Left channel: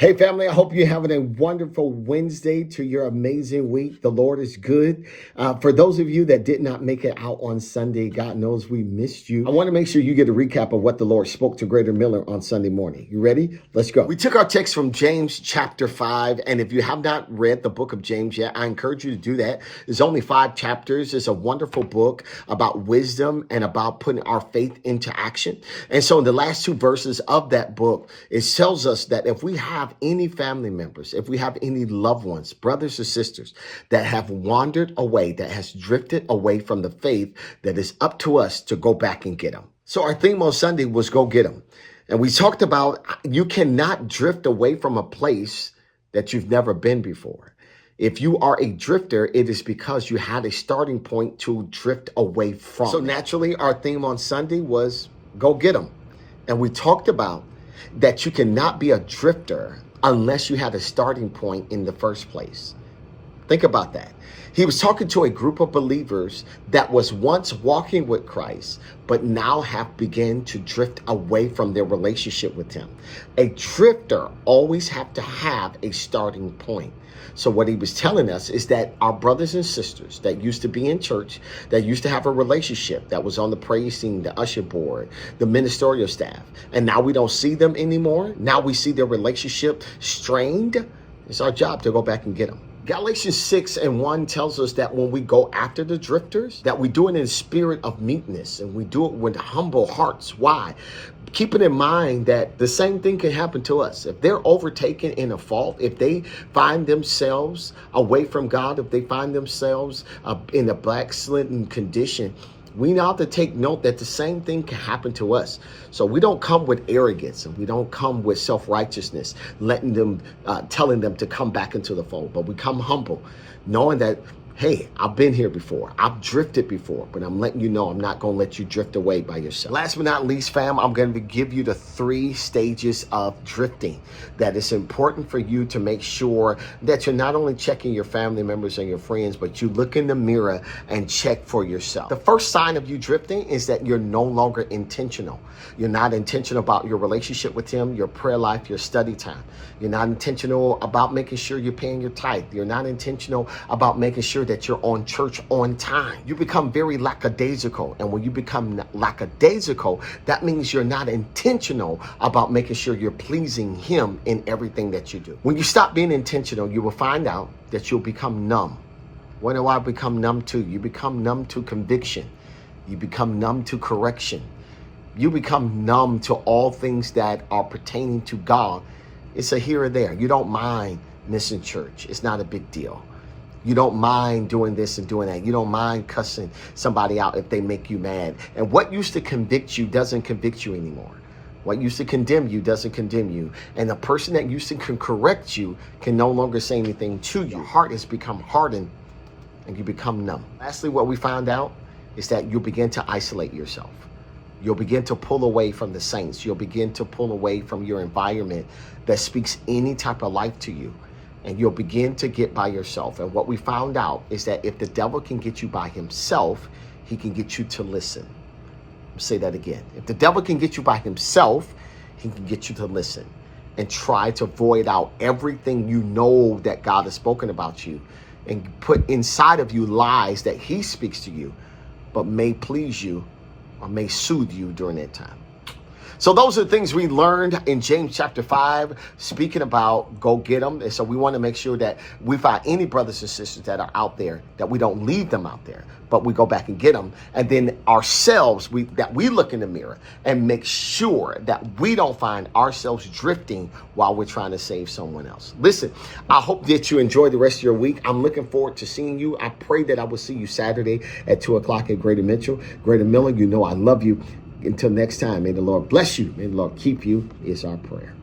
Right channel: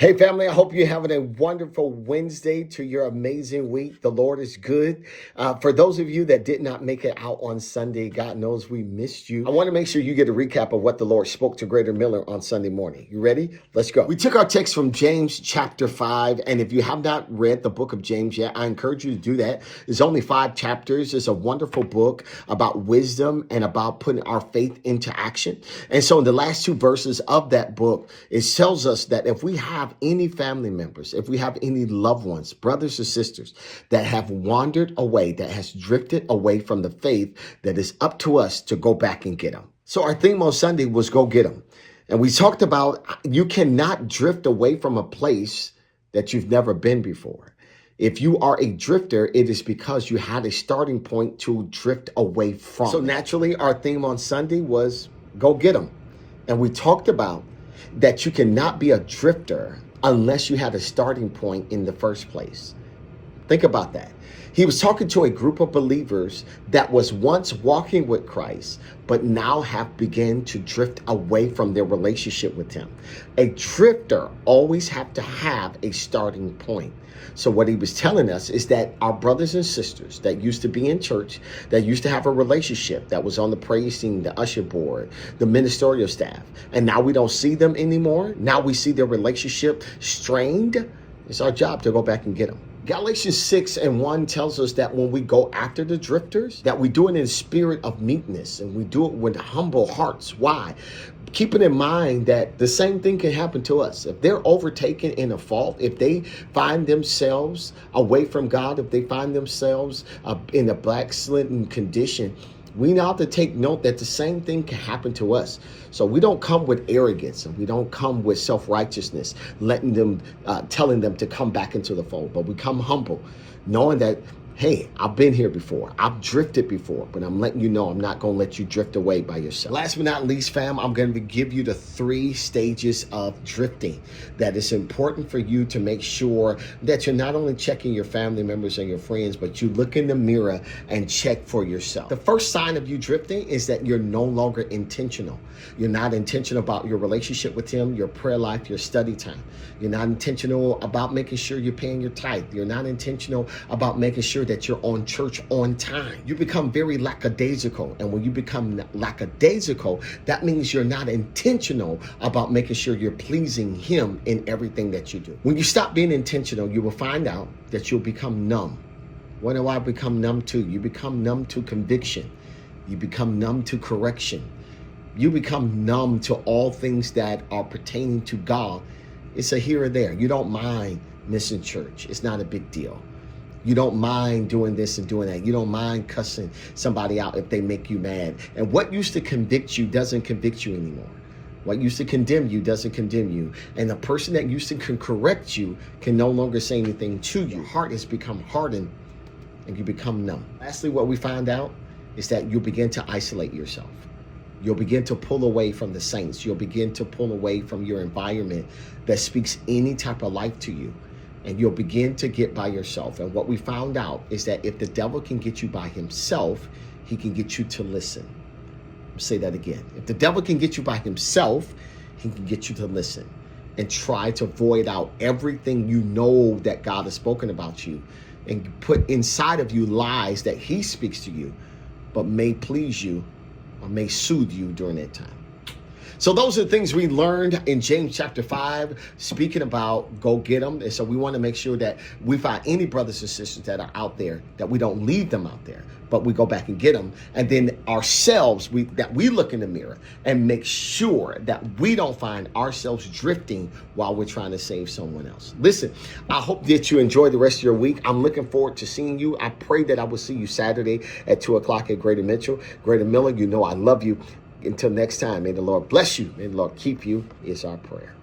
Hey family, I hope you're having a wonderful Wednesday to your amazing week. The Lord is good. For those of you that did not make it out on Sunday, God knows we missed you. I want to make sure you get a recap of what the Lord spoke to Greater Miller on Sunday morning. You ready? Let's go. We took our text from James chapter 5, and if you have not read the book of James yet, I encourage you to do that. There's only 5 chapters. It's a wonderful book about wisdom and about putting our faith into action. And so in the last 2 verses of that book, it tells us that if we have any family members, if we have any loved ones, brothers or sisters that have wandered away, that has drifted away from the faith, that is up to us to go back and get them. So our theme on Sunday was go get them. And we talked about you cannot drift away from a place that you've never been before. If you are a drifter, it is because you had a starting point to drift away from. So naturally, our theme on Sunday was go get them. And we talked about that you cannot be a drifter unless you had a starting point in the first place. Think about that. He was talking to a group of believers that was once walking with Christ, but now have begun to drift away from their relationship with him. A drifter always have to have a starting point. So what he was telling us is that our brothers and sisters that used to be in church, that used to have a relationship, that was on the praise team, the usher board, the ministerial staff, and now we don't see them anymore. Now we see their relationship strained. It's our job to go back and get them. Galatians 6:1 tells us that when we go after the drifters, that we do it in spirit of meekness and we do it with humble hearts. Why? Keeping in mind that the same thing can happen to us. If they're overtaken in a fault, if they find themselves away from God, if they find themselves in a backslidden condition, we now have to take note that the same thing can happen to us. So we don't come with arrogance and we don't come with self-righteousness, letting them, telling them to come back into the fold, but we come humble, knowing that, hey, I've been here before. I've drifted before, but I'm letting you know I'm not going to let you drift away by yourself. Last but not least, fam, I'm going to give you the 3 stages of drifting that is important for you to make sure that you're not only checking your family members and your friends, but you look in the mirror and check for yourself. The first sign of you drifting is that you're no longer intentional. You're not intentional about your relationship with him, your prayer life, your study time. You're not intentional about making sure you're paying your tithe. You're not intentional about making sure that you're on church on time. You become very lackadaisical. And when you become lackadaisical, that means you're not intentional about making sure you're pleasing him in everything that you do. When you stop being intentional, you will find out that you'll become numb. What do I become numb to? You become numb to conviction. You become numb to correction. You become numb to all things that are pertaining to God. It's a here or there. You don't mind missing church. It's not a big deal. You don't mind doing this and doing that. You don't mind cussing somebody out if they make you mad. And what used to convict you doesn't convict you anymore. What used to condemn you doesn't condemn you. And the person that used to can correct you can no longer say anything to you. Your heart has become hardened and you become numb. Lastly, what we found out is that you begin to isolate yourself. You'll begin to pull away from the saints. You'll begin to pull away from your environment that speaks any type of life to you. And you'll begin to get by yourself. And what we found out is that if the devil can get you by himself, he can get you to listen. I'll say that again. If the devil can get you by himself, he can get you to listen and try to void out everything you know that God has spoken about you and put inside of you lies that he speaks to you, but may please you or may soothe you during that time. So those are the things we learned in James chapter 5, speaking about go get them. And so we want to make sure that we find any brothers and sisters that are out there, that we don't leave them out there, but we go back and get them. And then ourselves, that we look in the mirror and make sure that we don't find ourselves drifting while we're trying to save someone else. Listen, I hope that you enjoy the rest of your week. I'm looking forward to seeing you. I pray that I will see you Saturday at 2 o'clock at Greater Mitchell. Greater Miller, you know I love you. Until next time, may the Lord bless you. May the Lord keep you is our prayer.